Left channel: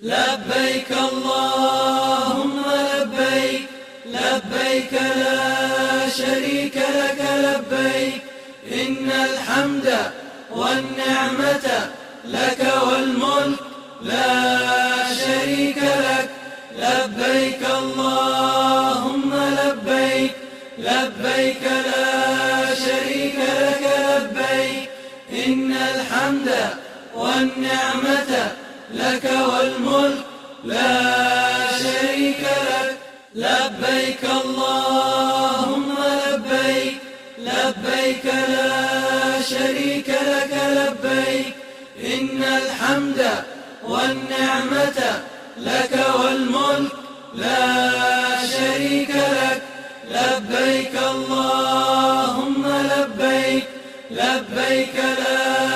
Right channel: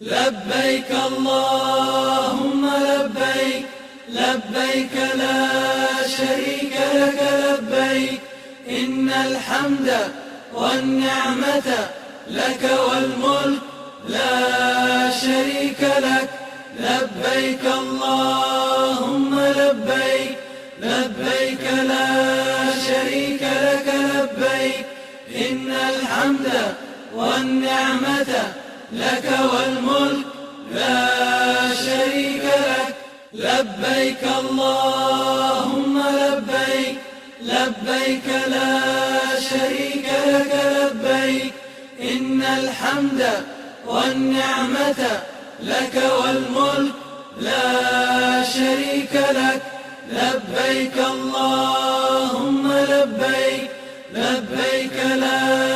لبيك اللهم لبيك، لبيك لا شريك لك لبيك، إن الحمد والنعمة لك والملك لا شريك لك. لبيك اللهم لبيك، لبيك لا شريك لك لبيك، إن الحمد والنعمة لك والملك لا شريك لك. لبيك اللهم لبيك، لبيك لا شريك لك لبيك، إن الحمد والنعمة لك والملك لا شريك لك. لبيك اللهم لبيك، لبيك لا